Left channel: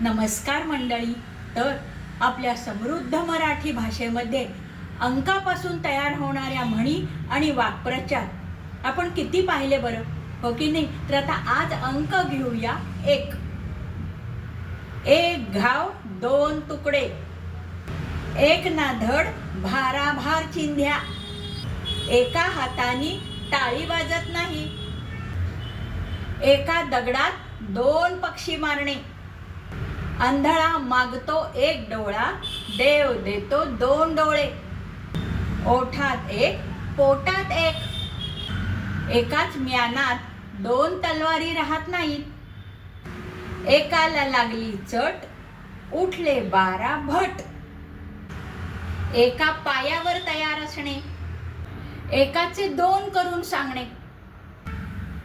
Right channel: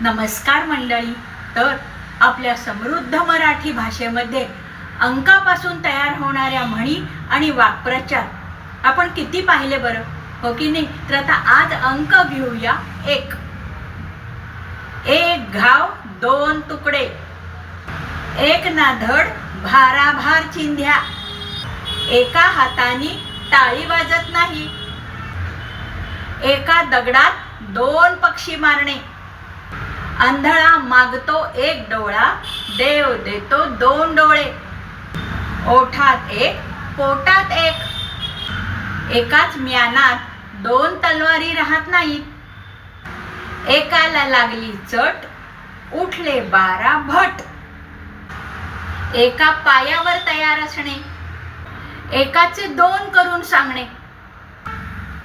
नमस्कार मंडळी. तर आपल्या समृद्ध मराठी भाषेमध्ये अंकापासून तयार होणाऱ्या म्हणी आणि वाक्प्रचार आपण किती पाहिले बरं, हो की नाही? तर आता आज अंक घेऊया. एक घाव दोन तुकडे, एक ना धड भाराभार चिंध्या, एका हाताने टाळी वाजत नाही, एका दगडात दोन पक्षी मारणे, आंधळा मागतो एक डोळा, देव देतो दोन डोळे, ओठात एक पोटात एक, एकाच म्यानात दोन तलवारी राहत नाहीत, एकाला लागली चट उठले 12 भट, एका पायावर तयार असणे, एकाचे दोन करून सांगणे,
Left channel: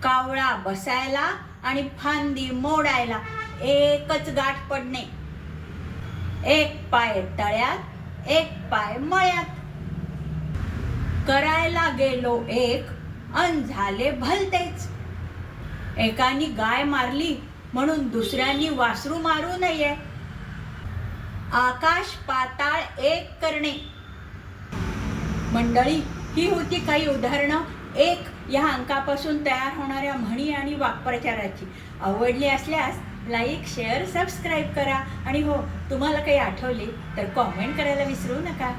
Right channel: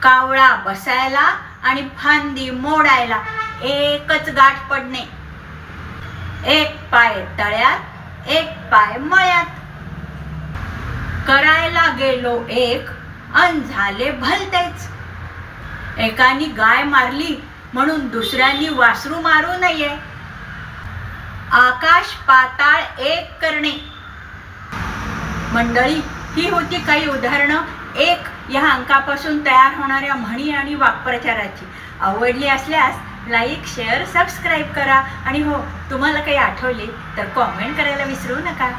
कावळा बसायला आणि फांदी मोडायला एकच गाठ पडणे, एक पाय तळ्यात एक पाय मळ्यात, करायला गेलो एक अन झाले भलतेच, एकानी गाय मारली म्हणून दुसऱ्यांनी वासरू मारू नये, आकाश पाताळ एक करणे. मंडळी, ही होती काही उदाहरणं एक या अंकापासून तयार होणाऱ्या म्हणी आणि वाक्प्रचाराची. आवडली असल्यास लाईक, शेअर, सबस्क्राईब करा आणि हो, तुम्हाला काही आठवले तर कॉमेंट करायला विसरू नका.